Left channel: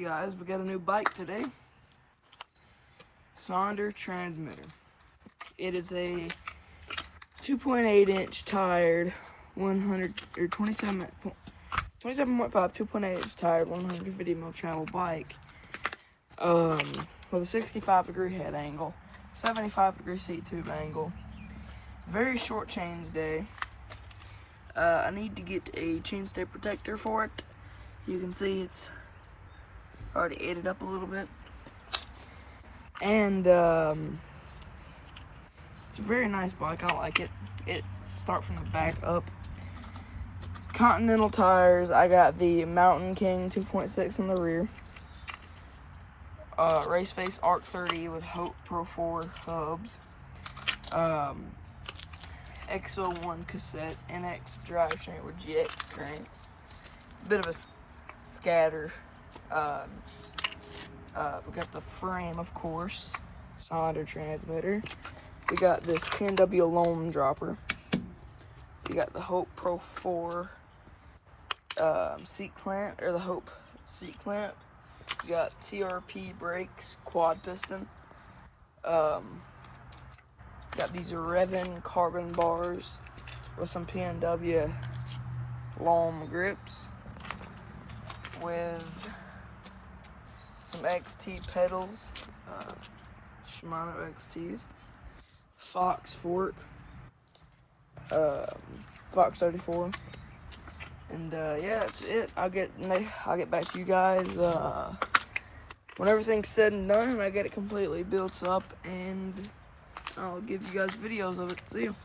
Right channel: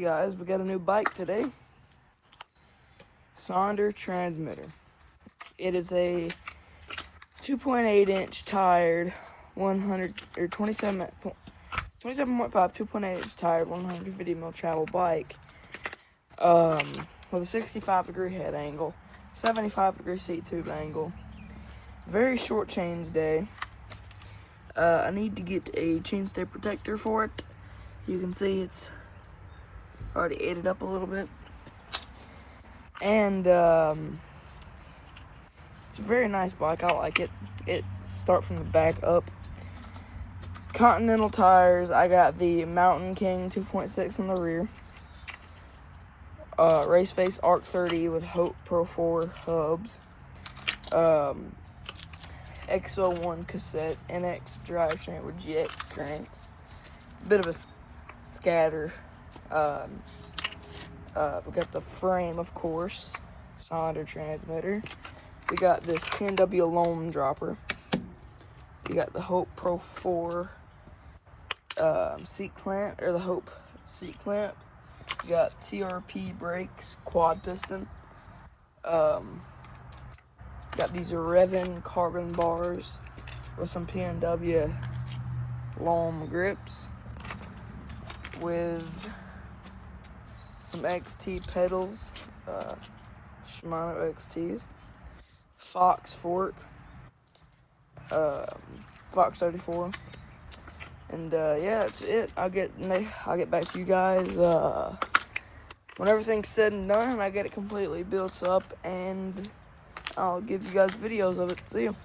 Hey guys, we got a new bike today. Sonder transmitter. It is a 2.8-inch tired 27.5 2.8-inch tired 150 mil travel bike with a 65-degree head angle, 75-degree seat tube angle. Very short chains day. I need to get a chainstay protector for it. You can see it's already ate it up a little bit. And it's a very nice bike. I like it. It starts from the back up. Continental tires. I got the Mountain King 2.6 in the rear. Race Face Arc 30 with Hope Pro 4 hubs. X01 cassette, NX drivetrain with GX cranks. Bit of a scatter. We got the frame, of course. Sonder transmitter. We got this PNW loam dropper. We got the Hope Pro 4 seat clamp, or the Hope seat clamp. We got TRP brakes, quad piston. Got these Revin carbon bars with some PNW loam grips with some XT pedals, Shimano XTs, Fox fork, Fox 34, and yeah, that's it. I'll get back to you guys when everything's said and done, and I get it completely built up, and I'll give you guys videos of it. See you.